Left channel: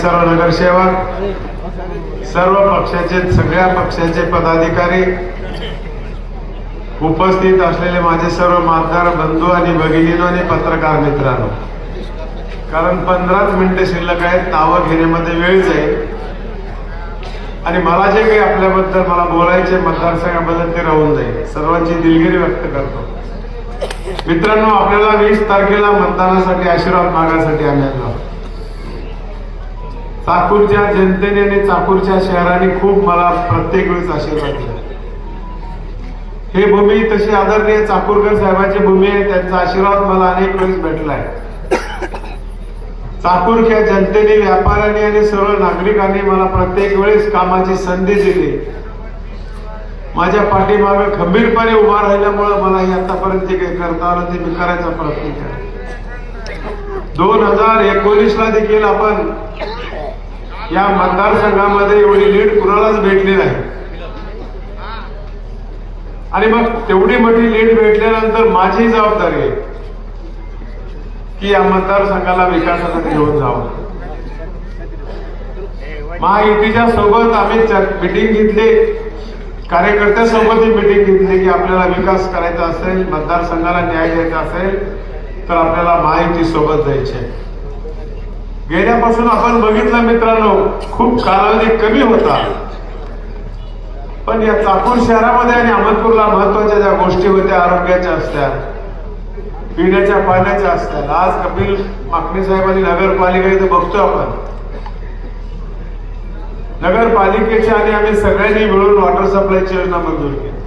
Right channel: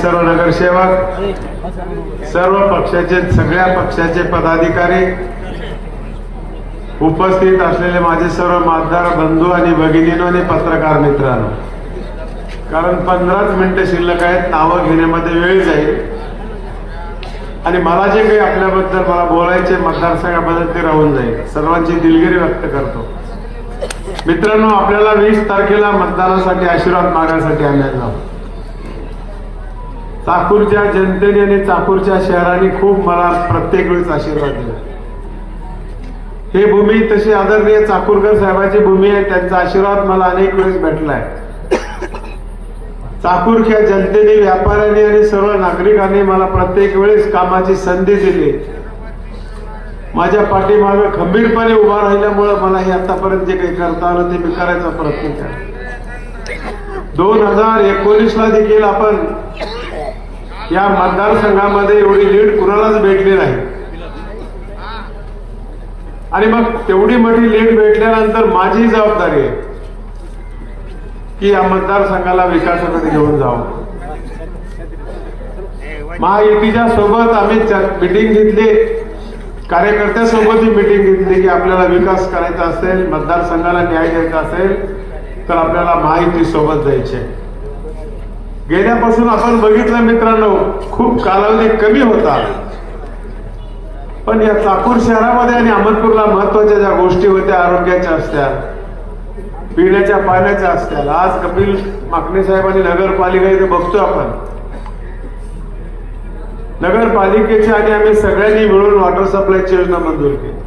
सर्व नगरसेवक सर्व पक्षाचे सगळ्या पक्षाचे पदाधिकारी उपस्थित असलेले माझे सर्व मतदार बंधू आणि भगिनीनो आणि पत्रकार मित्रांनो. कारण पंधराच मिनिटं शिल्लक आहेत नावं घेण्यामध्ये वेळ जाईल. आणि मला जे काही आपल्याबद्दल मला बोलायचे मतदारसंघाबद्दल ते राहून जाईल. सर्वांची दिलगिरी व्यक्त करतो. मित्रांनो आपल्याला वीस तारखेला मतदानासाठी आशीर्वाद मागण्यासाठी आम्ही आलो. चाकूरच्या जनतेने आणि चाकूरच्या शहराने खूप मला प्रत्येक वेळेस आशीर्वाद दिला. हे भूमी तशी आदरणीय चाकूरकर साहेबाची भूमी आहे त्यांचा आशीर्वाद मला अनेक वेळेस भेटलाय. चाकूरच्या जनतेने व्यापाऱ्यांनी आणि सर्व नागरिकांनी मला प्रत्येक वेळेस कामाची संधी दिली. माझ्या पाठीमागे खंबीरपणे उभा राहिल्यामुळं मला हे आतापर्यंत जे काही करता आलं ते मी करायचा प्रयत्न केला. दोन हजार एकोणीस ला देखील आपण या मतदारसंघामध्ये एवढी लीड कुणालाच भेटली नाही. आणि मग तेवढी मोठी लीड भेटल्यानंतर माझी जबाबदारी आहे की या मतदारसंघाला विकासासाठी घेऊन जावं. महायुतीच्या सोबत आम्ही मिटिंग घेतली. कार्यकर्त्यासोबत ही मिटिंग घेतली की आपल्याला विकास करायचा असेल मतदारसंघाला न्याय द्यायचा असेल तर आपल्याला महायुती सोबत जायचे गेल्यापासून आपण बघितलं मित्रांनो खूप कालावधी कमी होता. पण या चाकूर शहरामध्ये आणि अहमदपूरला महत्त्वाच्या ज्या गोष्टी होत्या आरोग्याच्या असत्या पिण्याच्या पाण्याच्या असत्या आज कपिल माकणे साहेबांनी नगरपालिका इथे बघतो आपण. नगरपालिकेची आणि आम्ही सगळ्यांनी मिळून वॉटर सप्लायची योजना मंजूर केली.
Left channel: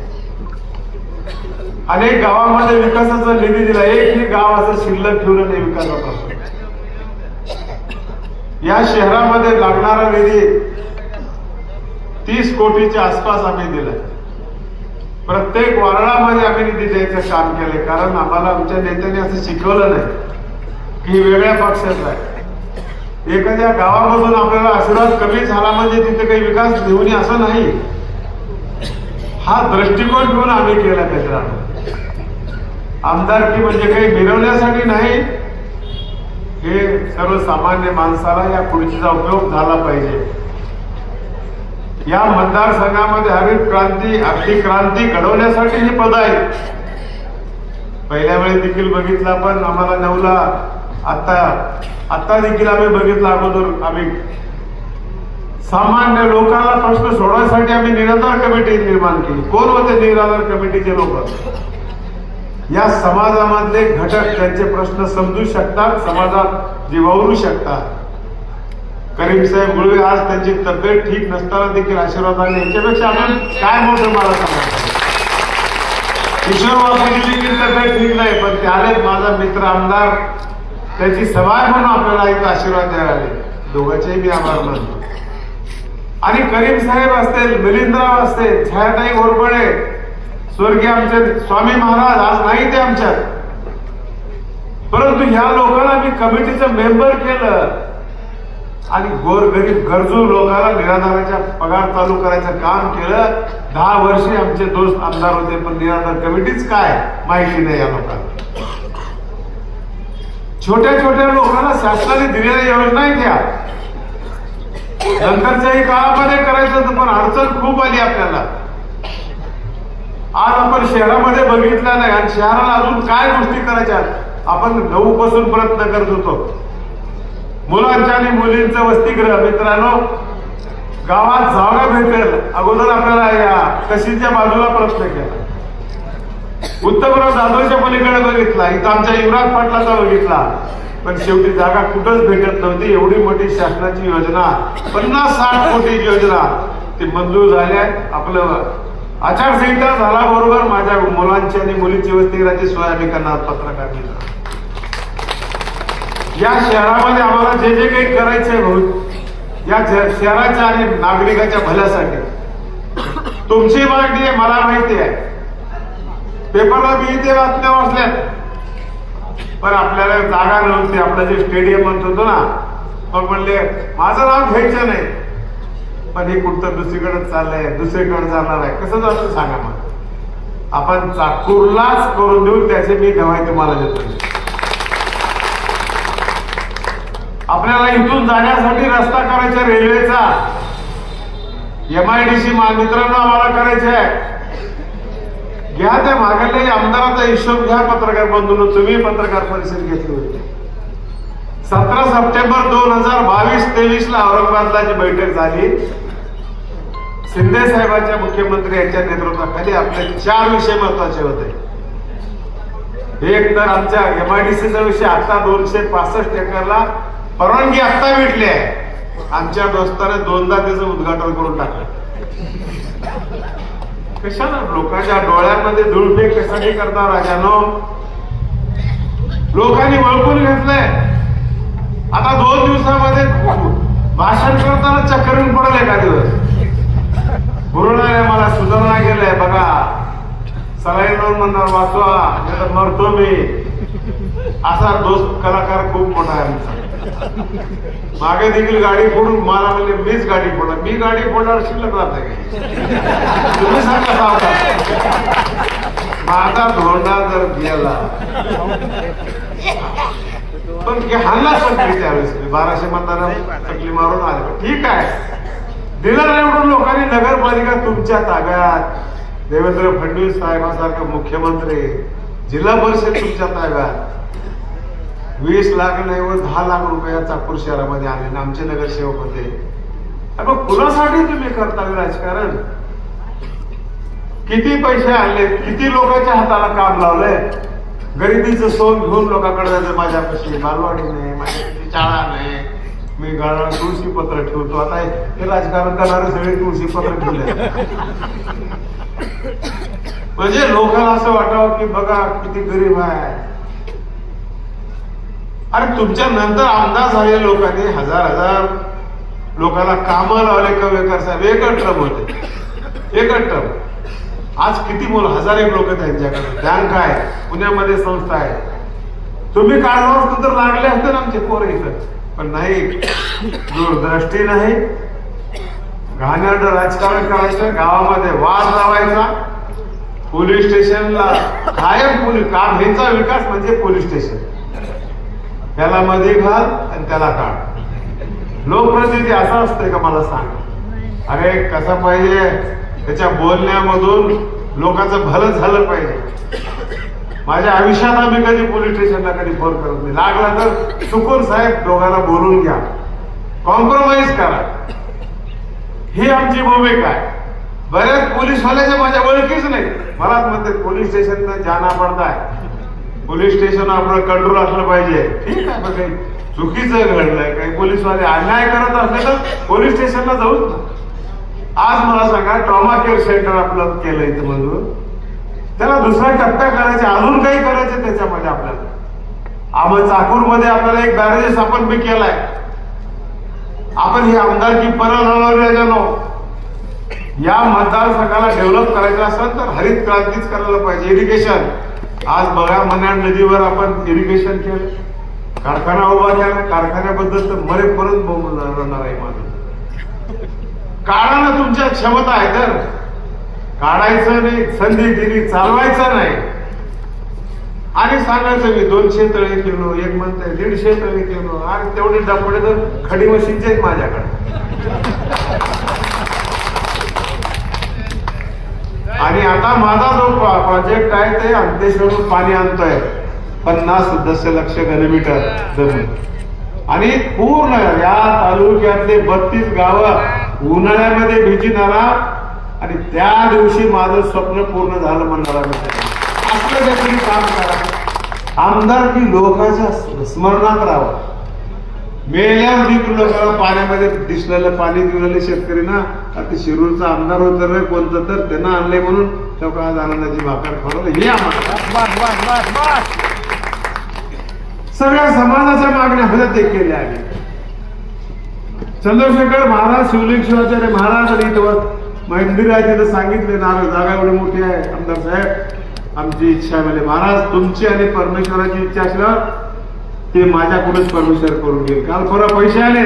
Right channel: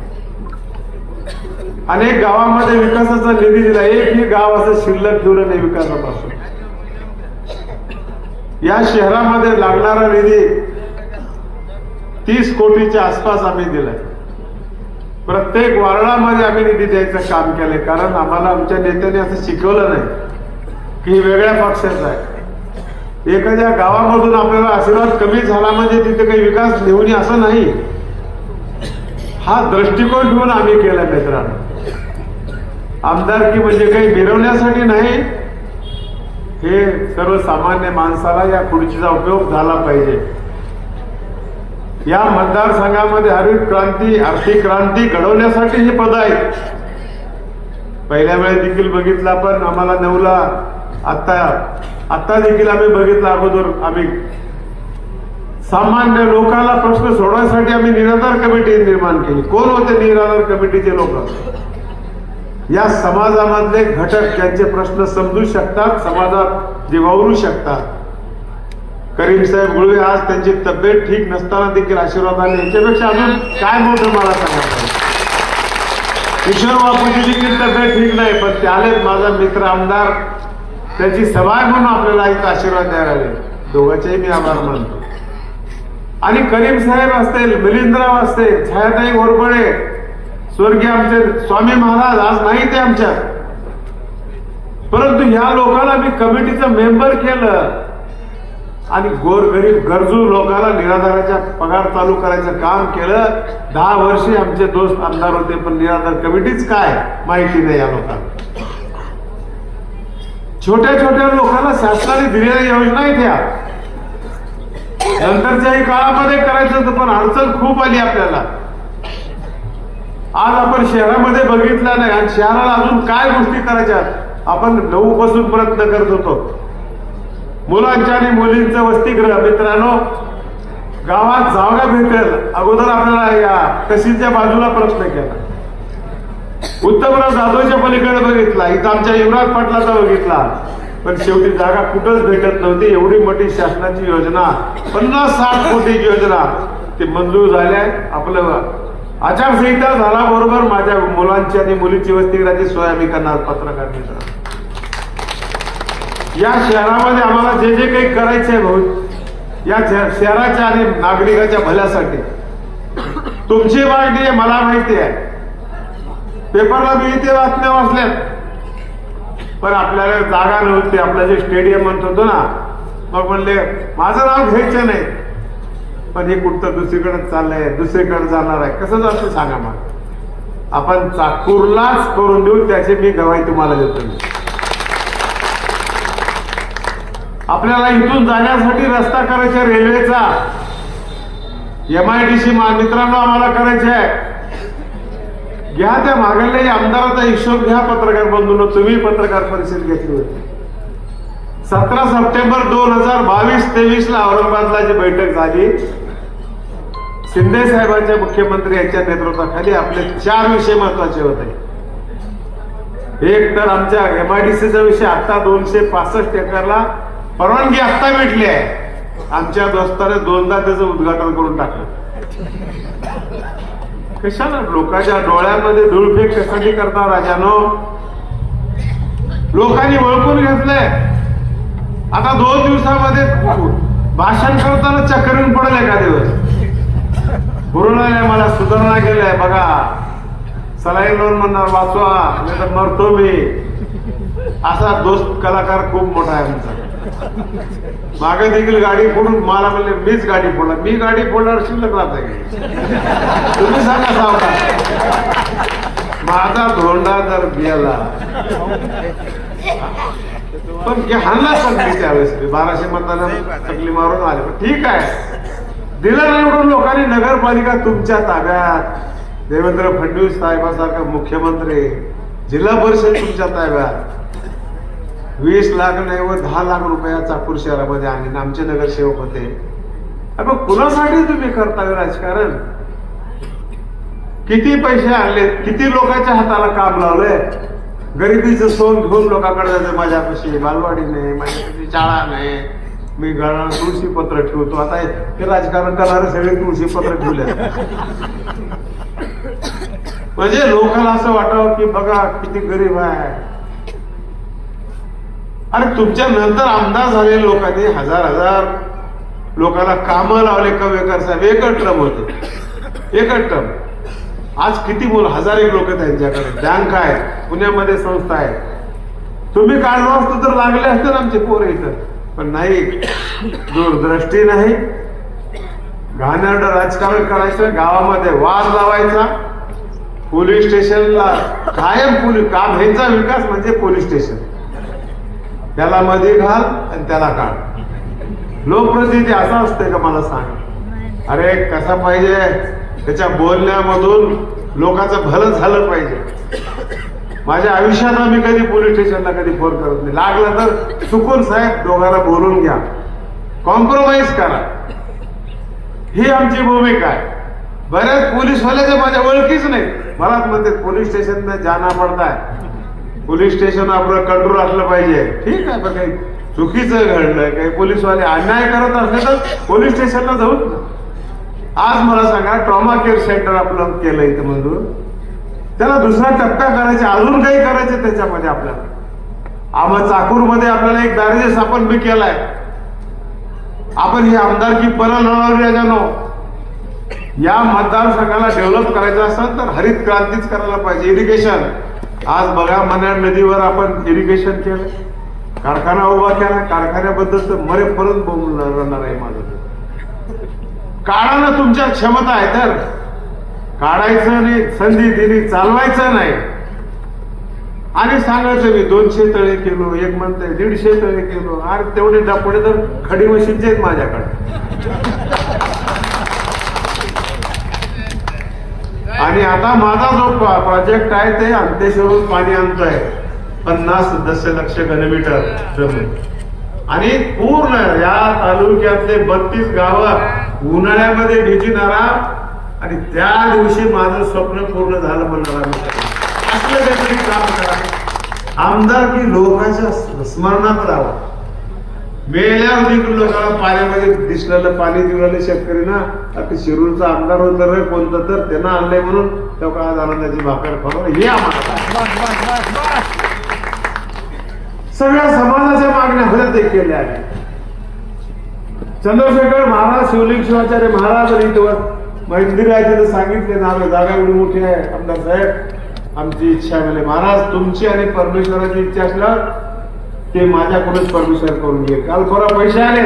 अनेक गावामध्ये विकासाचा निधी दिला. एकही गाव असं शिल्लक ठेवलं नाही विकासापासून. या शहरामध्ये लागणारा निधी तीस कोटीच्या आसपास आम्ही दिलं प्रत्येक वारणामध्ये आम्ही निधी द्यायचं काम केलं कारण आम्हाला आमच्या नेत्याने असं शिकवलं नाही की वेगळ्या पक्षात आहे एखाद्या गावामधून आपल्याला आशीर्वाद कमी झाला म्हणजे तिथे काही विकास घेऊन ये असं नाही. हा दृष्टिकोन घेऊन आम्ही केला मित्रांनो आमदारकी म्हणजे काही मिरवण्यासाठी नाही हे सर्वसामान्य माणसाला या खुर्चीचा उपयोग झाला पाहिजे. या मतदारसंघामध्ये हरित क्रांती अक्षी क्रांती घडवण्यासाठी ही पद आहेत. पहिल्या वेळेस देखील बघितला पण आम्हाला नवला. आता आता देखील आम्ही बघितलं अगोदर आम्ही. सामान्य लोकांना प्रश्न सोडवण्यासाठी आम्ही निराधार कमिटी निर्माण केली. कोण होते निराधार कमिटीचे लोक? या समाजामधले घटक त्यांचे प्रश्न समजू शकतात समाजात जे वावरू शकतात. करीम साहेब मुळवे आज त्यांची तब्येत ठीक नसताना देखील आशीर्वादाने याच्यापेक्षा आपण काय मोठं मला देखील तब्येत ठीक नाही पण त्याने माझा मित्र आमदार त्याची सवाय म्हणून आपल्याला एक आशीर्वाद द्यायला दोघांचेही मी आभार मानतो. आणि करीम साहेब असतील मिलिंदराव असतील छायाताई घोरपडे स्वर्गीय आमचे स्वामी महाराज आज नाही ते आमच्या परंतु ह्या लोकांना मी कमिटीचं मेंबर केलं. आणि गोरगरीब गरजू लोकांना निराधाराच्या पगार चालू करायचं काम केलं. दहा वर्षे आमचे दोस्त आमदार होते पण निराधार कमिटीच काय? माहिती नाही या लोकांना. छोट्या छोट्या लोकांना शासनाने दिलेल्या योजना आहेत या. नंतरच्याही काळामध्ये करायचं पण अडचण खूप आली आपल्याला. आज आपण शहरामध्ये बघितलं नाही. आणि शहराला अजून काय गोष्टी करायच्या? आपण नऊ बसून प्रयत्न करत होतो. मुलांच्या आणि मुलींचं वसतिगृह. मित्रांनो गावात जागा भेटेल. अगोदर आपल्याला या बाजूला प्रयत्न केला. उत्तमराव जाधवच्या पलीकडे बघितला इथं आमच्या युवराज पाटलाचा बघितला पण शेवटी जागा कुठंच भेटत नव्हती. एवढी मोठी शासनाची योजना पन्नास साठ कोटीची योजना. ती मंजूर झाल्या आपलं आचारसंहिता झाला बरोबर माझ्या मुलांची आणि मुलींची वसतिगृहाची सोय आम्ही करणार पत्रकार या शहरामध्ये आम्हाला जे जे काही करायचे भाऊ या शहराच्या आणि नागरिकाच्या भल्यासाठी. तुमची मागणी आहे मला माहिती आहे. पेपरवर मी इथे वाचल्या वाचल्या पण आपल्याला जागा नव्हती आपलं जे स्टेडियम म्हणत होतो ना मग म्हणले माझं नाव घ्यायचं नाही. पण हे कुठं दुसरीकडे चाललंय. दुसरीकडे चालणार आहे. कसं जातं सांगा मग. आपण चाकूरलाच करून देऊ त्याचे मी गवाही तुम्हाला देतो आपल्याला इथून जाण्यासाठी रस्ता करायचा रेल्वेचा. एमआयडीसी मित्रांनो आम्हाला करायचे आहे. घ्या त्या मागल्या आमदाराचा हिशोब घ्या पत्रकार बंधून. तुम्ही पत्रकार परिषद घेतली होती. सतरा सप्टेंबर दोन हजार बावीस तेवीस ला औरंगाबादला जी बैठक झाली शिंदे साहेबांच्या मुख्यमंत्री यांच्या नेतृत्वाखाली आपले चार विषय महत्त्वाचे होते. एक तर आमच्या एमआयडीसीचा विषय आता दोनशे पासष्ट एकरला परवानगी आता भेटली आहे. आमच्या दोस्ताने दोनदा त्याचं उद्घाटन करून टाकलं. कशाला? लोकांच्या डोळ्यामध्ये धुळफेक कशाने करता राजानो? लोकांनी ओळखून घेतलंय. आता दोन दिवसामध्ये भाषण करताना चक्करून पडेल एखाद्या दिवस पूर्ण मला सुधारणा केलंय बघा. सलाईन लावून म्हणणार वाचवा नाही मरतो मी असा दोस्त कलाकार खूप मोठा आहे मागे देखील गाडी फोडून मला म्हणजे मीच गाडी फोडा मी गाडी फोडणार शिल्लक राहत. तुम्ही सांगा माझा धोंडा जर गेला. पण हे हल्लाच पण त्यावेळेस. बाराशे मतदार चकली मारून आले. ठीक आहे. दिला निवडून लोकांनी नगरपालिका तुमच्या ताब्यात. देवेंद्र फडणवीस साहेबांसारखे मुख्यमंत्री जिल्हा परिषद तुमच्या ताब्यात. वीस लाख नाही व दहा लाख रुपया चाकूर शहरामध्ये आणले आमचे नगरसेवक होते. मग कुणासाठी तुम्ही करता राजकारण? किती पैसे आले किती लोकांच्या हाताला काम लावलंय? गरिबीचं सोन घेऊन लोकांकडे जायचं माझ्यापाशी. बालवाडी नाही माझ्यापाशी शाळा नाही. मी घराला तुळशी पत्र ठेवतो. आता हे राजकारण करणारे सगळे तुळशी पत्र ठेवले. म्हणजे लोकांना असं वाटावं की बघा किती गरीब आहे. अरे तुमच्या नंतर अंदाज झाले लोकांनी हजार हजार लोकांना कामं लावले कवेकर साहेब. एकच ट्रम होते. एकच ट्रम. आज किती बोल हजार एक लोक त्यांच्याकडे बँक आहे पुण्यामध्ये संस्था आहे. तुम्ही काढला असतो तर लागले असते आमचे पोरं इथं. पण नाही दूरदृष्टी नाही. घाणेरडं राजकारण करायचं गावामध्ये वाद लावायचा. पोलीस स्टेशनला कायम पोलीस काम ह्यांचा विकास म्हणजे पोलीस स्टेशन. त्याला मध्ये घाल आणि त्याला काढ. लोकप्रतिनिधी असा असतंय का मला सांग? अरे कसा पाहिजे? त्याच्या बोलण्यामधून लोकांचं भलं झालं पाहिजे. माझ्या आयुष्यात मी कधी पोलीस स्टेशनला कधी फोन करत नाही. लागला तर चुकून साहेब दोघांना बोलून घ्या. कॉम्प्रोमाइज करा. ही आमची भूमिका आहे. बरेच पोलीसवाल्याचे माझ्या ओळखीच नाही मला म्हणते पोलीस स्टेशन जाना पडता पोलीस स्टेशन आपलं कंट्रोल असलं पाहिजे. ठीक आहे काही चुकीचं घडलं काही पोलीसवाले अन्याय करत असले तर पोलीस स्टेशनला जाऊ आज मला सांगा ट्रॉमा केअर सेंटर आपलं केलं इथं म्हणून त्याला दुसरा टप्प्या करायचे अजून काही करायचे त्याच्यामध्ये आपल्याला. चाकूर चाकूरमध्ये आपल्याला एक बॅरेज स्थापन बी केलाय. आपण ही आमदारकी परत लढवली या मतदारसंघाला डेव्हलप करायचं असेल तर हरित क्रांतीच करायला पाहिजे. इरिगेशन आज बघा मनाड नदीवर आपण इरिगेशन केलं कारखाना उभा केला. कारखान्याबद्दल तर मरेपर्यंत बोलून बनणार आहे माझं. कारण तुमच्या क्षमता आहे तर. काढायचं नाही संधी दिली चालवायचं नाही. आणि सांगायचं मी दोनशे तळे केलो एक म्हणते दीडशे तळे केलो आणि तेवढे डबडे तर खडी मशीनचे आहेत माझ्याकडे. आणि आता माझा जो प्रोजेक्ट आहे ते अंत्यसेवक पाणी आणतोय. पन्नास दशलक्ष घनमीटर जमीन. आणि पूर्ण या तालुक्यातले बत्तीस गावं उन्हाळ्यामध्ये भिजणारा आणि त्या दिवशी माझं स्वप्न पूर्ण झालं म्हणणारा असलं काहीतरी काम करा. आमदार की लोकांच्या स्मरणात राहावा. मेल्यावर देखील लोकांना पाण्यामध्ये दिसलेलं पाणी दिलेलं शेतकरी ना आता शिरूरचा आमदार होतं ना कोणतं तर त्यांना आणलंय म्हणून तो का झाला त्याची भाकर खाऊ हे सगळ्या समाजाच्या मागण्या होत्या ते केल्या. आहेत चंद्रशेखर महाराज शिवलिंग शिवाचार्य महाराज इथं मंदिर आहे तिथं सांगितलं ना जागा एवढी मोठी आहे आमदार साहेब आमची इच्छा आहे म्हणजे महाराज तुमची आणि परमेश्वराची इच्छा असल्यावर ते माझ्याकडून परमेश्वर करून घे काल परवा पैसे आले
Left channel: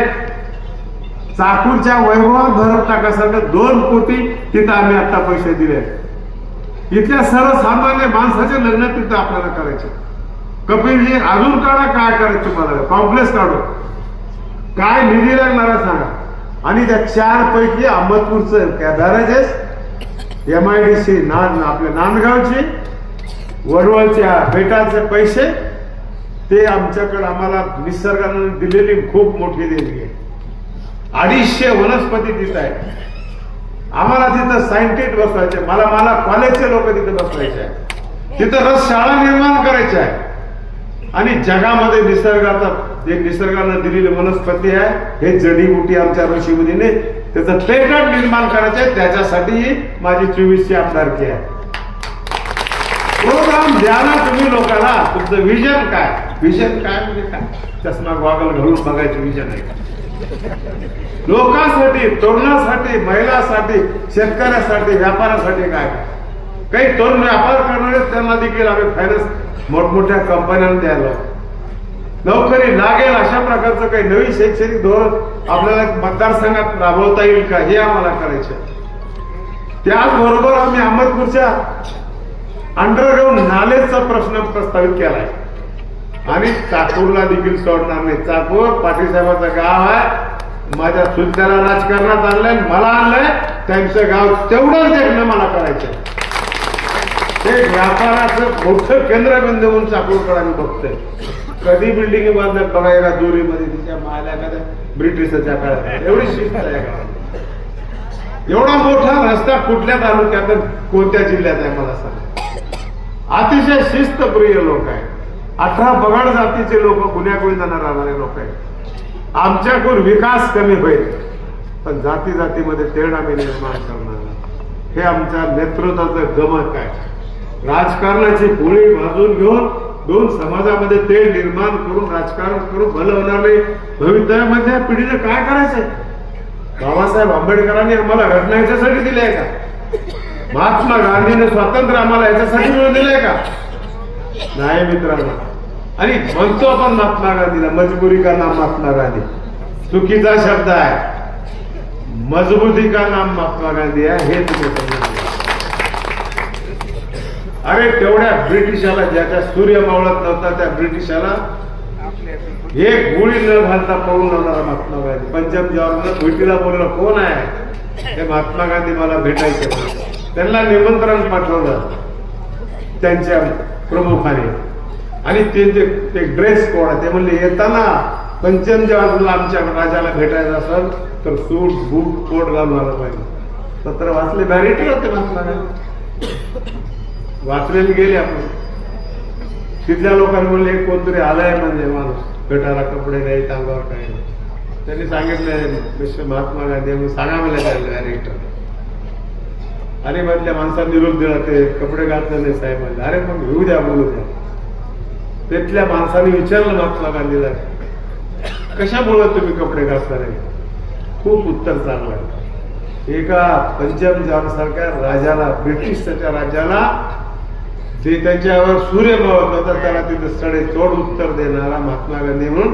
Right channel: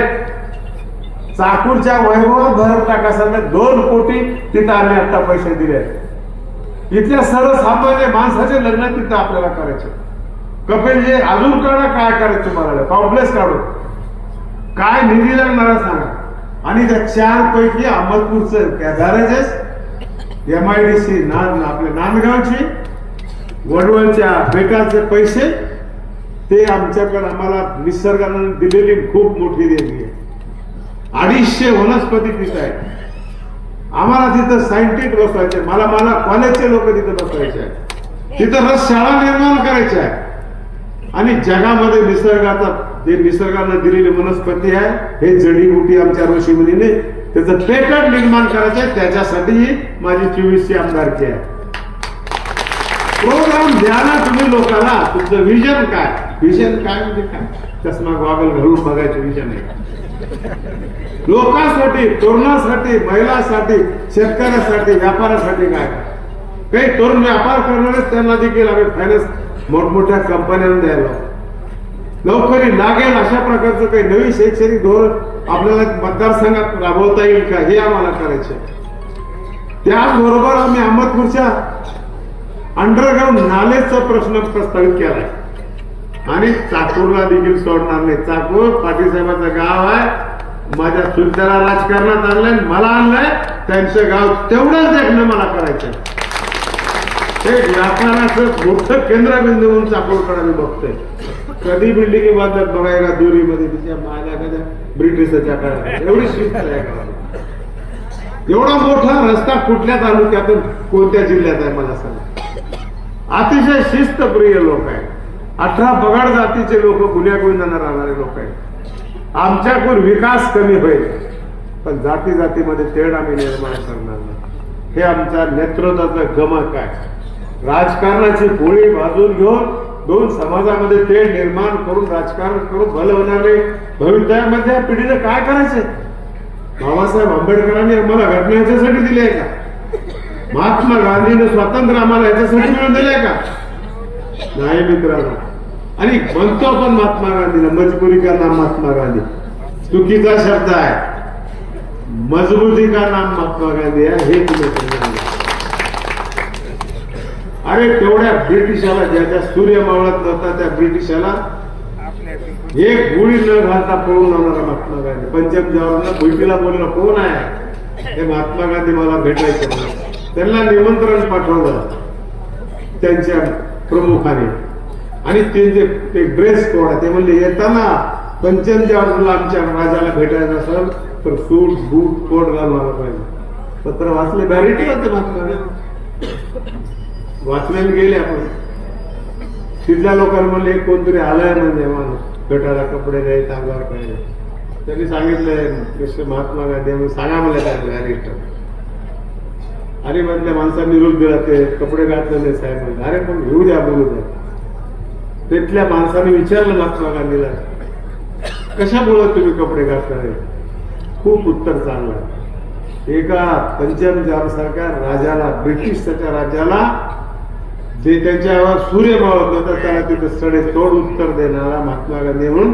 चाकूरच्या वैभवात भरत टाकासाठी दोन कोटी तिथं आम्ही आता पैसे दिले इथल्या सर्वसामान्य माणसाचे लग्न तिथं आपल्याला करायचे. कपिल जे अजून काढा काय करायचं मला कॉम्प्लेक्स काढू. काय निधी लागणार सांगा. आणि त्या चार पैकी अहमदपूरचं barrages M I D C naan आपल्या नांदगावची वडवळच्या बेटाचे पैसे ते आमच्याकडे आम्हाला निसर्गानं दिलेली खूप मोठी देणगी आहे. अडीचशे वनस्पती तिथं आहेत. आम्हाला तिथं सायंटिस्ट बसवायचे मला मला कॉलेजचे लोक तिथं बसवायचे आहे तिथं रस शाळा निर्माण करायच्या आहे आणि जगामध्ये निसर्गाचा जे निसर्गानं दिलेली वनस्पती आहे हे जडीबुटी आमच्या ऋषीमुनीने त्याचं पेटंट निर्माण करायचं आहे त्याच्यासाठी माझी चोवीसची आमदारकी आहे. प्रोग्राम द्या ना तुम्ही लोकांना तुमचं विजन काय? विजन काय म्हणजे काय? चष्मा गॉगल घालून बघायचं विजन आहे. लोकांसाठी तरुणांसाठी महिलांसाठी शेतकऱ्यासाठी व्यापारासाठी काय? काही तरुण व्यापार करणारे त्यांना देखील आम्ही फायनान्स मोठमोठ्या कंपन्यांना द्यायला नोकरी लागेल अशा प्रकारचं काही नवीन शैक्षणिक धोरण आपल्याला मतदारसंघात राबवता येईल का? हे आम्हाला करायचं त्याचबरोबर आम्ही अहमदपूरच्या अंडरग्राऊंड नालेचा प्रश्न प्रस्तावित केलाय. आणि चाकूरला देखील सोडणार नाही. चाकूर पाटीलसाहेबांचं गाव आहे. माझ्या सुलत्याला राजकारणात आणलंय मला आणलंय. त्यांचं गाव तेवढंच देखणं मला करायचं हे व्यापाराचं मोठं केंद्रबिंदू म्हणून चाकूरकडे आम्ही बघतोय. कधी बिल्डिंग बांधत बघायला दोरीमध्ये तिच्या मायला एखाद्या ब्रिटिशच्या काळात एवढी शिस्त आहे. एवढा मोठा रस्ता कुठल्या तालुक्यात कोणत्या जिल्ह्यात आहे मला सांगा. अतिशय शिस्तप्रिय लोक आहेत. अठरा बगाड जातीचे लोक गुन्ह्यागोविंदांना राहणारे लोक आहेत. आमच्याकडून विकास कमी होईल पण जाती जातीमध्ये तेढ आम्ही निर्माण करणार नाही. हे आमच्या नेतृत्वाचं गमक आहे. राजकारणाची पोळी भाजून घेऊन दोन समाजामध्ये ते निर्माण करून राजकारण करून भलं होणार नाही भवितव्यामध्ये पिढीने काय करायचंय? बाबासाहेब आंबेडकरांनी आम्हाला घटना याच्यासाठी दिली आहे का? महात्मा गांधीने स्वातंत्र्य आम्हाला याच्यासाठी मिळून दिले का? नाही मित्रांनो. आणि म्हणतो आपण महात्मा गांधीला मजबुरी का नाम महात्मा गांधी? चुकीचा शब्द आहे. मजबूती का नाम महात्मा गांधी आहे? हे तुम्ही अरे तेवढ्या ब्रिटिशाला ज्याच्या सूर्य मावळत नव्हता त्या ब्रिटिशाला एक गोळी न घालता पळून आणणारा महात्मा गांधी. पंचम जवाहरला भेटीला बोललं कोण आहे? ते महात्मा गांधी मला भेटायचे त्यांना निमंत्रण पाठवलं त्यांच्या प्रमुखाने. आणि त्यांचे ते ड्रेस कोड आहे ते म्हणले येताना पंचम जवाहरला आमच्या राजाला भेटायचं असेल तर सूट बूट कोट घालून आला पाहिजे. पत्र वाचले बॅरिटी होते महात्मा गांधी. वाचले मी गेले आपण. तिथल्या लोकांना म्हणले कोणतरी आलाय म्हणजे माणूस. गटाला कपडे नाही अंगावर काही नाही. त्यांनी सांगितलंय मिस्टर महात्मा गांधी म्हणून सांगा मला काय डायरेक्टर अरे मधल्या माणसांनी निरोप दिला ते कपडे घातले नाही साहेब. म्हणले अरे पण घेऊ द्या बोलू द्या. तिथल्या माणसाने विचारलं महात्मा गांधीला कशामुळे तुम्ही कपडे घातला नाही? खूप उत्तर चांगलं. एका पंचम सारख्या राजाला ब्रिटिश त्याच्या राजाला ते त्यांच्यावर सूर्य मावत होता त्याला सडे तोड उत्तर देणारा महात्मा गांधी म्हणून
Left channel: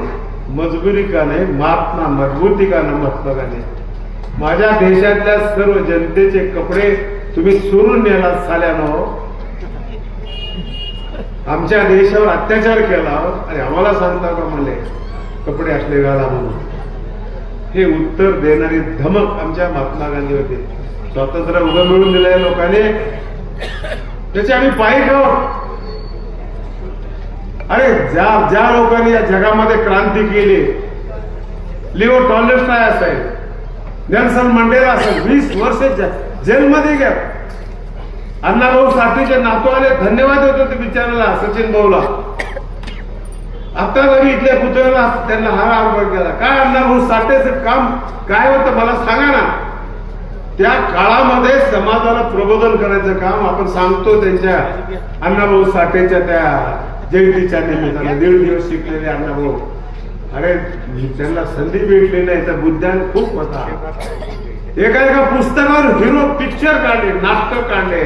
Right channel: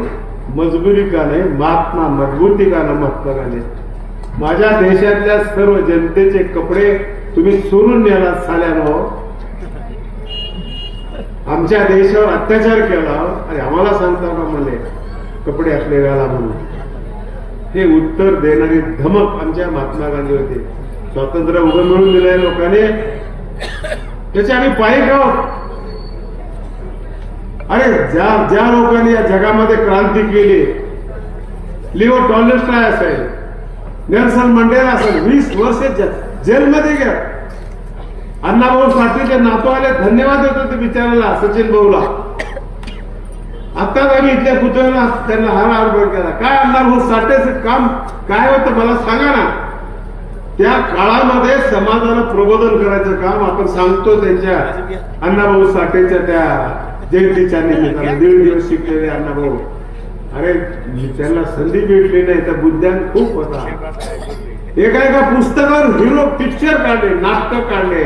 मजबुरी का नाही महात्मा मजबूती का नाही महात्मा गांधी. माझ्या देशातल्या सर्व जनतेचे कपडे तुम्ही चोरून नेला साल्यानं. आमच्या देशावर अत्याचार केला. आणि आम्हाला सांगता का म्हणले कपडे असले घाला म्हणून. हे उत्तर देणारी धमक आमच्या महात्मा गांधी होते. स्वातंत्र्य उभं मिळून दिलंय लोकांनी. त्याचे आम्ही पायी खाऊ अरे ज्या ज्या लोकांनी या जगामध्ये क्रांती केली लिओ टॉलेस्टाय असेल नेल्सन मंडेला असेल वीस वर्ष जेलमध्ये घ्या अण्णाभाऊ साठेचे नातो आले धन्यवाद देतो ते बिचाराला सचिन भाऊला. आत्ताच आम्ही इथल्या पुतळ्याला त्यांना हार आरोप केला. काय अण्णाभाऊ साठेचं काम काय होतं मला सांगा ना. त्या काळामध्ये समाजाला प्रबोधन करायचं काम आपण सांगतो त्यांच्या अण्णाभाऊ साठेच्या त्या जयंतीच्या निमित्ताने. दीड दिवस शिकलेले अण्णाभाऊ. अरे त्यांना संधी भेटली नाही तर बुद्ध्यान खूप होता. एका एका पुस्तकावर हिरो पिक्चर काढले नाटक काढले.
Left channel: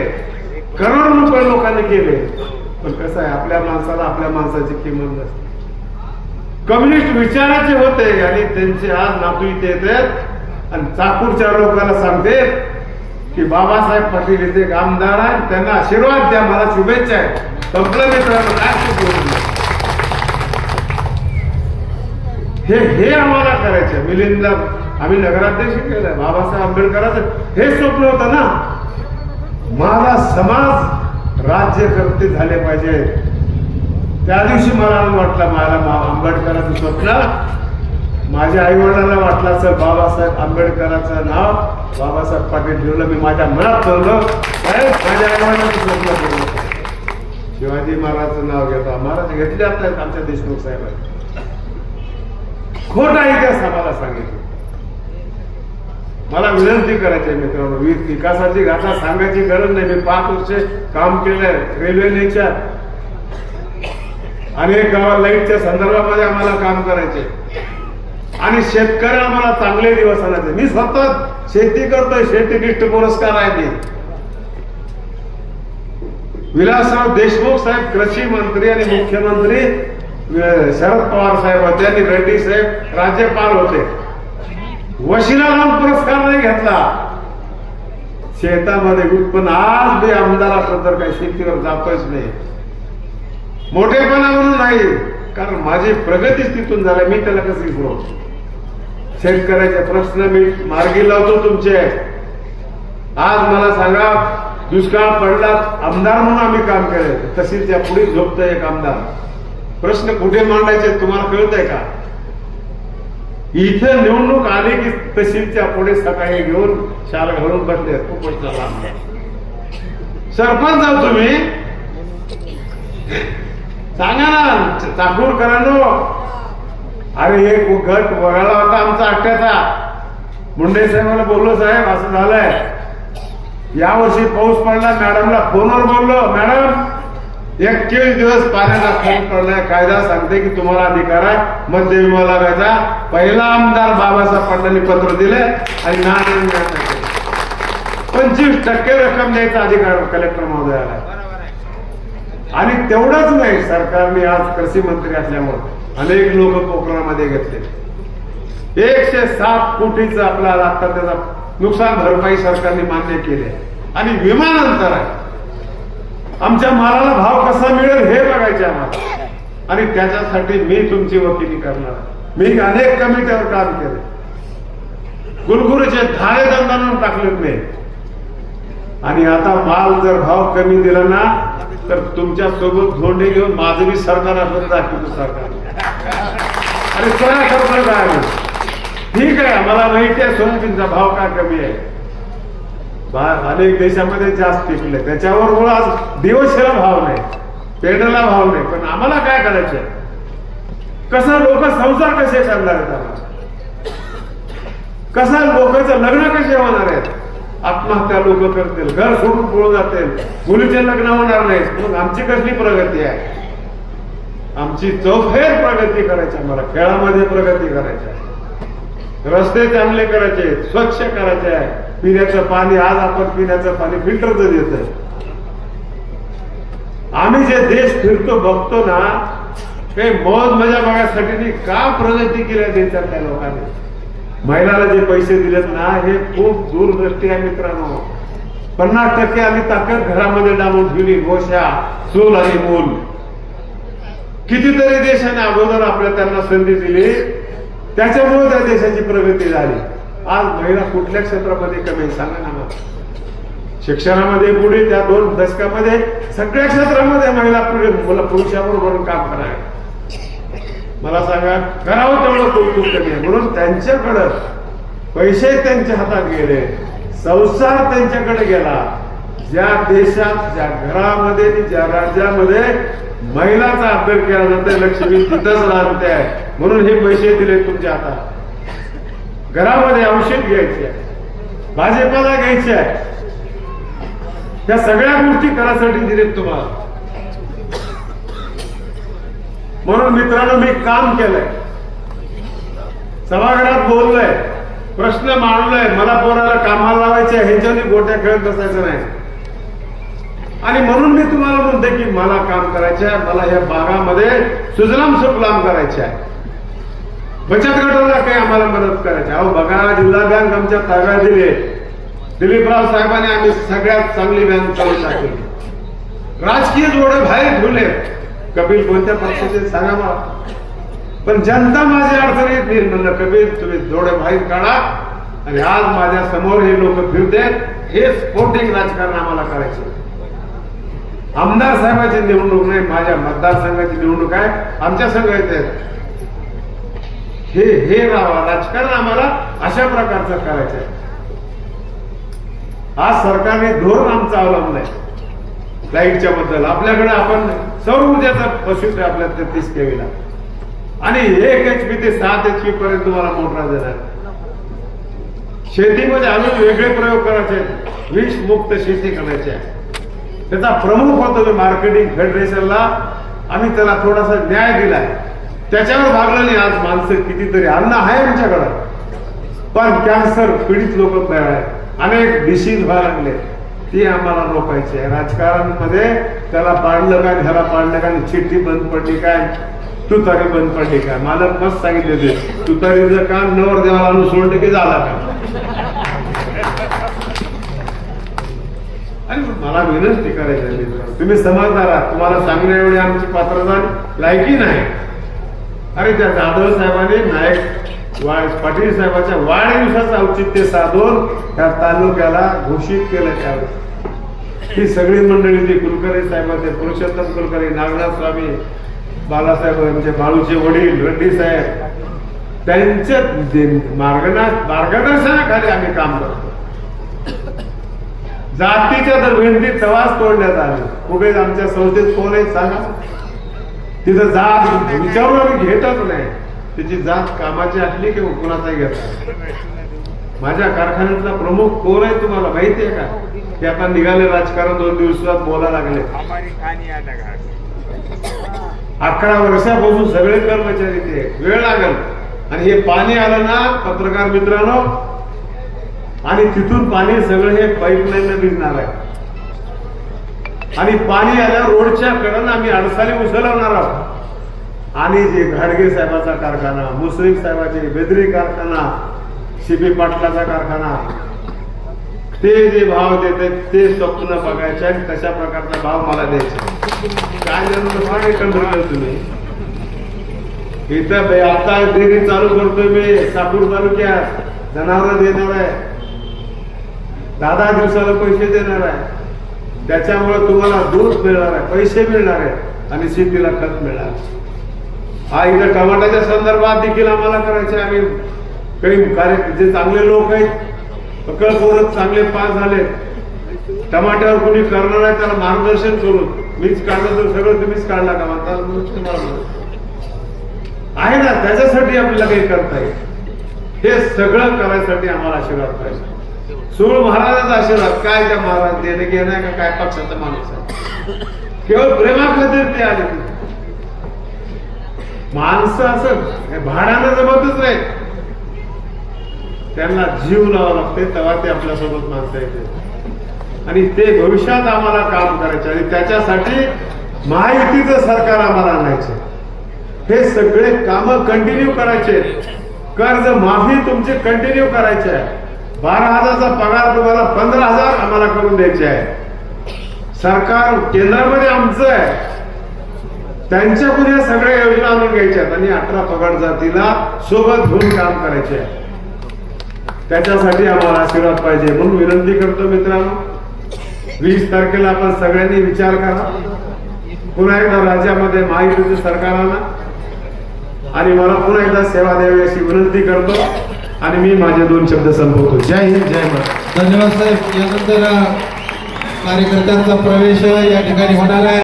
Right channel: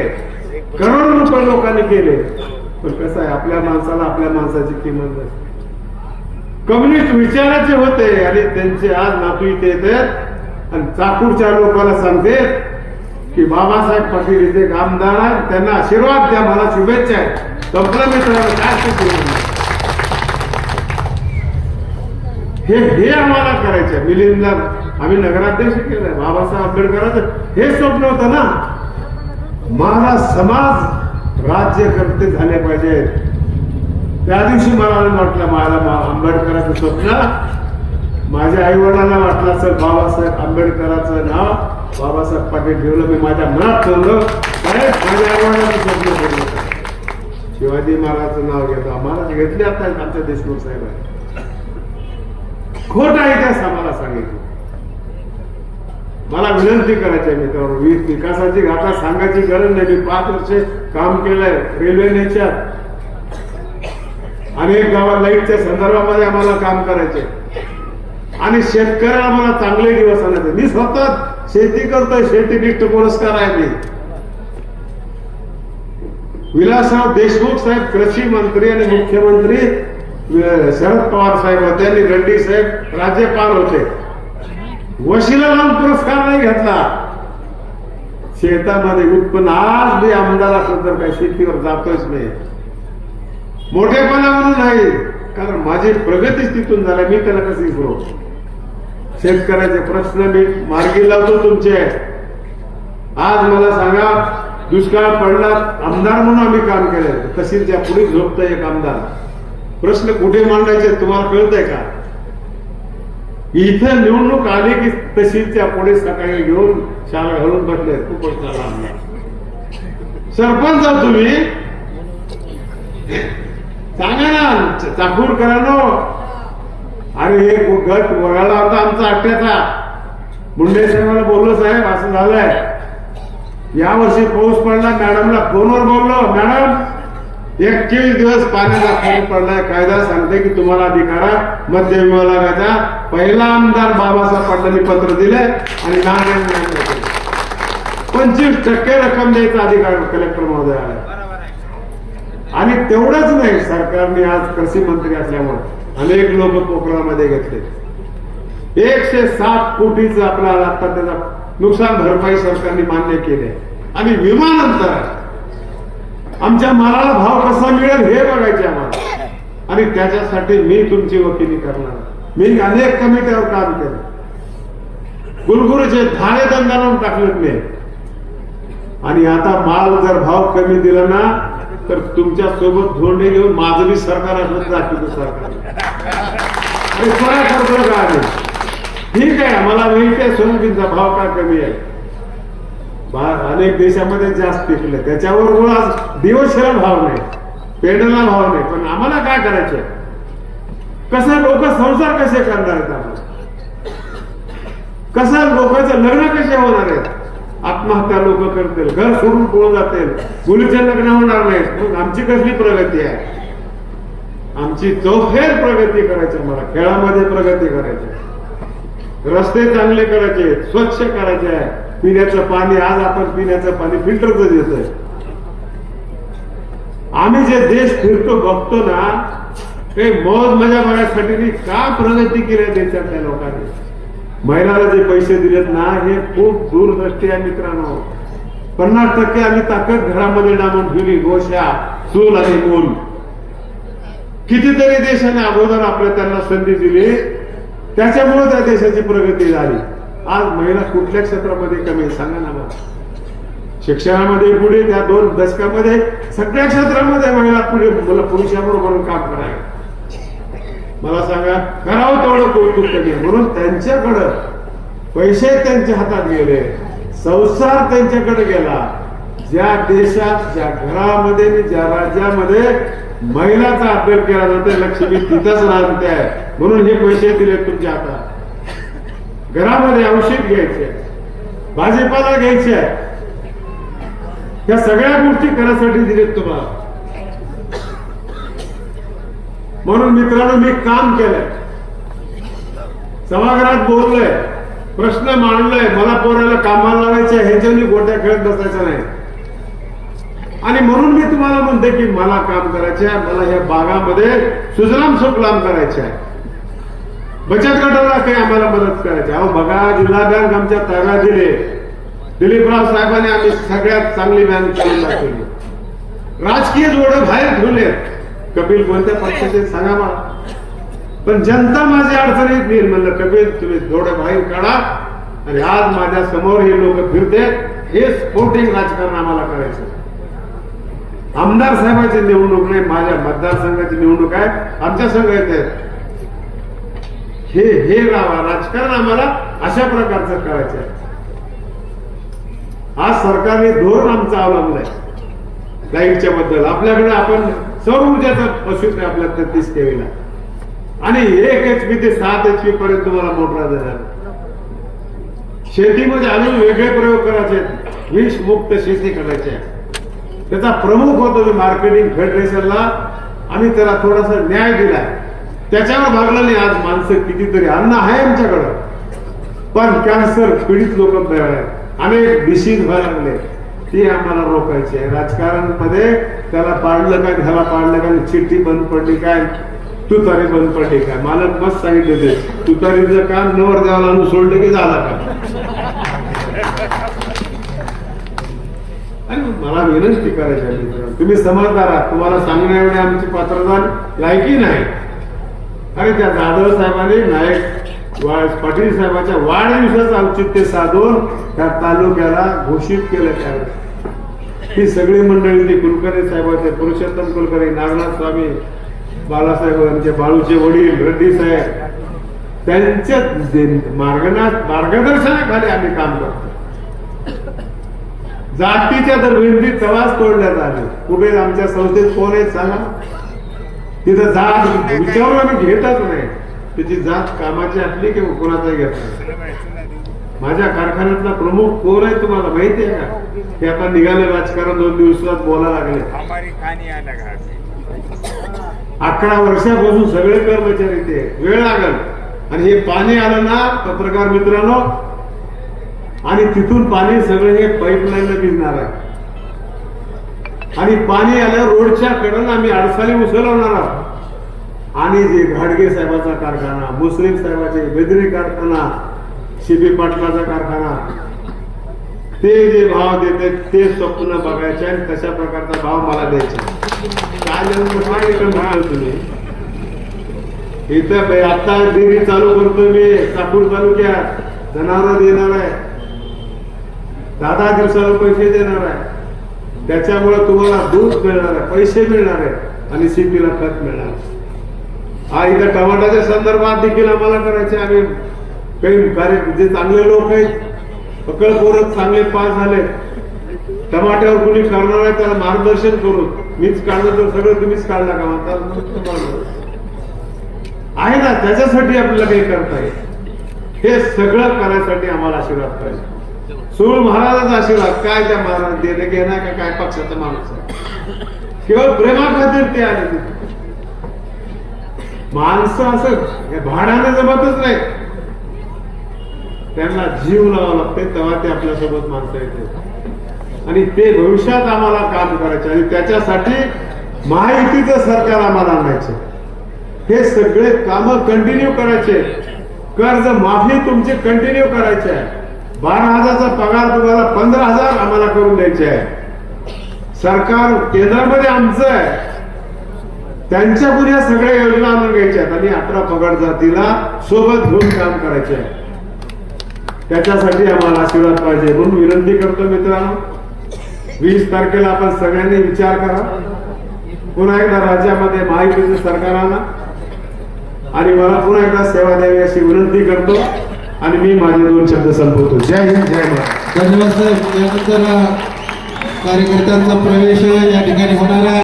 करोड रुपये लोकांनी केले. पण कसं आहे आपल्या माणसाला आपल्या माणसाची किंमत नसते. कम्युनिस्ट विचाराचे होते आणि त्यांचे आज नातू इथे येतात. आणि चाकूरच्या लोकांना सांगते की बाबासाहेब पाटील इथे आमदार आहेत त्यांना आशीर्वाद द्या मला शुभेच्छा आहे संपलं मित्रांनो काय चूक हे हे आम्हाला करायचं मिलिंदला आम्ही नगराध्यक्ष केलाय बाबासाहेब आंबेडकरांचं. हे स्वप्न होतं ना? माझा समाज राज्यकर्ते झाले पाहिजेत. त्या दिवशी मला वाटलं मला आंबेडकरांचं स्वप्न माझ्या आई वडिलांना वाटलं असेल बाबासाहेब आंबेडकरांचं नाव बाबासाहेब पाटील ठेवलं. मी माझ्या मनात ठेवलं माझ्या आई वडिलांचं स्वप्न केलं शिवाजी महाराजचं नाव घेतो. महाराज घेतले आता आमच्या देशमुख साहेबांनी. खोट आहे त्या समाला सांगितलं मला विनंती करायची आहे मित्रांनो वीज विकासाची गाथा सांगायची गरज नाही. मी पाच वर्षे काम केलंय रेल्वे नेच्यात अनेक गावात लाईटच्या संदर्भामध्ये आम्हाला काम करायचे आणि शेतकऱ्याला मला चांगले दिवस आणायचे. मी स्वतः शेती करतोय शेतीनिष्ठ पुरस्कार आहे मी. विलासराव देशमुख साहेब कृषी मंत्री आणि मुख्यमंत्री शरद पवार साहेब होते आणि रेड्डी साहेब राज्यपाल होते. वशिला लावून पुरस्कार नाही घेतला. शेतामध्ये उत्पन्न आज मी आमदार असलो तर काही शेतीवर जातोच नाही मोठेपणा म्हणून नाही कारण माझी प्रगतीच तिथून झाली मी त्याला कसं विसरू शेतकऱ्याचे प्रश्न मी मार्गी लावतो तुमचे. आज मला सांगा दुष्काळ पडला आमदार म्हणून आम्ही काम केलं या पुढे झोपत एक आमदार. प्रश्न कुठे मांडायचे तुम्हाला कळत आहे का? इथं निवडणूक आली की तशीच त्या पुढे सकाळी घेऊन शाल घालून बसले. कुपनचा आमदार सरपंच आहो तुम्ही. सांगा ना चाकूरकरांनो अरे हे गट वगळला होता आमचा अठ्ठ्याचा. मुंडे साहेबांना बोललो साहेब असं झालंय. यावर्षी पाऊस पडला मॅडमला फोनवर बोललो मॅडम एकवीस दिवस पाण्याचा फोन पडलाय. कायदा सांगते की तुम्हाला अधिकार आहे. मध्य विभागाचा पहिला आमदार बाबासाहेब पाटलांनी पत्र दिले आणि नारायण पंचवीस टक्के रक्कम द्यायचा अधिकार कलेक्टर महोदयाला आणि तेवढंच नाही सरकारने आज कृषी मंत्री असल्यामुळे. अनेक लोक कोकणामध्ये घेतले. एकशे सात कोटीचं आपल्याला आता त्याचा नुकसान भरपाई सरकारने मान्य केले. आणि विमानंतर आमच्या मालाला भाव कसा मिळेल हे बघायचे आम्हाला. आणि त्याच्यासाठी मी तुमची वकिली करणार मी अनेक कमिट्यावर काम केलं. गुलगुरूचे धाळे दंडावून टाकलेत मी. आणि आता माल जर भाव कमी दिला ना तर तुमच्यासोबत धोंडे घेऊन माझं बी सरकार असलं तर दाखवतो सरकार. अरे सोया करतोय का ठीक आहे मला माहिती आहे सोयाबीनचा भाव का कमी आहे? अनेक देशामध्ये जास्त पिकले त्याच्यावर आज दिवसभर भाव नाही पेंडला भाव नाही. पण आम्हाला काय करायचंय? कसा लोक संसार कसे करणार आहेत आम्हाला? कसा लोकांचं लग्न कसे होणार आहेत? आत्महत्या लोक करतील घर सोडून पळून जातील. मुलीचे लग्न होणार नाहीत. मग आमची कसली प्रगती आहे? आमची चौफेर प्रगती करायची आम्हाला खेळामध्ये प्रगती करायची आहे. रस्ते चांगले करायचे स्वच्छ करायचे आहे. पिण्याचं पाणी आज आपण पिण्याचं पाणी फिल्टरचं देतोय आम्ही जे देश फिरतो बघतो ना ते मौज मजा बघायसाठी का प्रगती केली देशातल्या लोकांनी? महिलाला जे पैसे दिलेत ना हे खूप दूरदृष्टी आहे मित्रांनो. पन्नास टक्के आम्ही ताकद घरामध्ये डांबून ठेवली गोशा चूल आणि मूल. कितीतरी देशाने अगोदर आपल्या त्यांना संधी दिली. त्याच्यामुळे त्या देशाची प्रगती झाली. आज महिला कुठल्या क्षेत्रामध्ये कमी सांगा ना शिक्षणामध्ये पुढे त्या दोन दशकामध्ये सगळ्या क्षेत्रामध्ये महिला पुढे मला पुरुषाबरोबर काम करायला मला सांगा करावं तेवढं कौतुक कमी आहे म्हणून त्यांच्याकडं पैसे त्यांच्या हातात गेले संसार त्यांच्याकडे गेला. ज्या देशात ज्या घरामध्ये आणि ज्या राज्यामध्ये महिलाचा अभ्यास केला जाते लक्ष्मी तिथंच राहते. म्हणून हे पैसे दिले तुमच्या हातात. घरामध्ये औषध घ्यायचे भाजीपाला घ्यायचे त्या सगळ्या गोष्टी करायसाठी दिलेत तुम्हाला. म्हणून मित्रांनो मी काम केलंय. सभागृहात बोललोय प्रश्न मांडलोय मला पोराला कामाला लावायचे ह्याच्यानी गोट्या खेळत बसायचं नाही. आणि म्हणून मी तुम्हाला म्हणते की मला काम करायचे आहे मला या भागामध्ये सुजलाम सुफलाम करायचे आहे. बचत गटाला काही आम्हाला मदत करायची आहे. अहो बघा जिल्हा बँक आमच्या ताब्यात दिले दिलीपराव साहेबांनी आम्ही सगळ्यात चांगली बँक चालू दाखवली राजकीय जोडे बाहेर ठेवले कपिल कोणत्या पक्षाचे? सांगा मला पण जनता माझ्या अडचणीत येईल म्हणलं कपिल तुम्ही थोडे बाहेर काढा आणि आज माझ्यासमोर हे लोक फिरते. हे स्फोटिंग राजकारण आम्हाला करायचं आमदार साहेबांची निवडणूक नाही माझ्या मतदारसंघाची निवडणूक आहे. आमच्या संघ येत आहेत. हे हे राजकारण आम्हाला अशा प्रकारचं करायचं आहे. आज सरकारने धोरण आमचं अवलंबलं आहे लाईटच्या बद्दल. आपल्याकडे आपण सौर ऊर्जेचा पशु आपल्या तेहतीस केवीला आणि एक एच पी ते सात एच पी पर्यंत तुम्हाला मोटरा देणार. शेतीमध्ये अजून वेगळे प्रयोग करायचे विष मुक्त शेती करायची आहे. त्याचा प्रमुख होतो मी मार्केटिंग फेडरेशनला आम्ही त्याला थोडासा न्याय दिलाय. त्याच्यावर भागलं नाही आज माणसं कितीतरी अन्न आहे आमच्याकडं. पण कॅन्सर पीडित लोक तयार आहेत. अनेक डिसीज व्हायला लागले. ती आम्हाला रोखायची आहे. राजकारणमध्ये त्याला पाडलं काय ह्याला पाडलं काय चिठ्ठी बंद पडली काय तुतारी बंद पडली काय मालक मस्त सांगितले ते तुतारीचं काम नवर देवाला सोडलं की झाला का? आणि मला विनंती करायची आहे तुम्ही समजणार आहात. तुम्हाला सांगण्या एवढी आमची पात्रता लायकी नाही. अरे त्या जाधव साहेबांनी नायक पाटील साहेबाच्या वाढदिवसाचं औचित्य साधून त्या तालुक्याला घोषित केलं त्यावेळेस ही सगळी मंडळी ती कुलकर्णी साहेबांचे पुरुषोत्तम कुलकर्णी नागनाथ स्वामी बालासाहेब यांचे बाळूचे वडील रेड्डी साहेब त्यांच्या मार्गना मार्गदर्शनाखाली आम्ही काम करतो. जातीच्या तर भिंती तवाच तोडण्यात आले. कुठे आमच्या संस्थेत फोन आहे सांगा. तिथं जात विचारून आम्ही घेतच नाही. त्याची जात कामाची असली की कोणाचा घेत माझ्या कारखान्यातला प्रमुख कोण आहे तुम्हाला माहिती आहे का? की आता निघाले राजकारण दोन दिवसात बोलायला लागले. अकरा वर्षापासून सगळे कर्मचारी ते. वेळ लागल. आणि हे पाणी आलं ना पत्रकार मित्रांनो? आणि तिथून पाणी सगळं हे पाईपलाईन भिजणार आहे. आणि पाणी आलं रोडच्या कडेला आम्ही अडसाली उसलवणार आहोत. आणि जे घाडगे साहेबाचा कारखाना मुस्लिम साहेबाचे बेदरी कारखाना शिबी पाटलाचा कारखाना ते जे भाव देते ते स्वप्न बघायचे आणि तशा प्रकारचा भाव मला द्यायचा. काय जन्म काय एकंदर तुम्ही? इथं आता डेअरी चालू करतोय मी साकूर तालुक्यात. जनावर देणार आहे. दहा दहा दिवसाला पैसे देणार आहे. त्याच्यामुळे तुम्हाला दूध मिळणार आहे पैसे मिळणार आहे आणि शेतीला खत मिळणार आहे. हा इथं टमाट्याच्या संदर्भात देखील आम्हाला करायचे आम्ही काही कार्य जे चांगले लोक आहेत अकल पोरत चांगले पास झाले टमाट्यावर कोणी करणार आहे त्याला मार्गदर्शन करून मीच काढलं तर सगळं तुम्हीच काढला का? म्हणता आहे. ना त्याच्यासाठी आपल्याला काही करता येईल हे सगळं करायसाठी आम्हाला आशीर्वाद पाहिजे. सूळ महाराजाचा आशीर्वाद. काय त्या महाराज देणं घेणं का? काय पक्षाचा माणूस आहे? केवळ प्रेमाखातीर ते आले. तिथे. माणसं असं भाडानं जमतच नाही. त्यांना जीव लावा लागते तेव्हा ते आपल्यासोबत माणसं येते आणि ते भविष्यात आम्हाला काम करायचे आणि त्याच्यासाठी महायुतीचं सरकार आम्हाला आणायचे. हे सगळे काम कंटिन्यू करायचे. कर्ज माफी तुमची कंटिन्यू करायचे आहे. बारा हजारचा पगार तुम्हाला पंधरा हजार आम्हाला करून द्यायचे आहे. सरकार केंद्रामध्ये आमचं आहे. त्यांच्यापुढे या सगळ्या योजना आणून घ्यायच्या आहेत. आणि अठरा पगार जातीला सोबत घेऊन काम करायचे आहे त्याच्यासाठी आम्हाला आशीर्वाद पाहिजे. म्हणून विनंती करतो मित्रांनो वीस तारखेला आपण सगळ्यांनी विचार करा. पुन्हा एकदा राज्यामध्ये महायुतीचं सरकारांना आणि. मला पुन्हा एकदा सेवा द्यावी अशी विनंती करतो. आणि मी माझे दोन शब्द संपवतो. जय हिंद जय धन्यवाद साहेब. यानंतर कार्यकर्त्यांचा प्रवेश या ठिकाणी होणार आहे.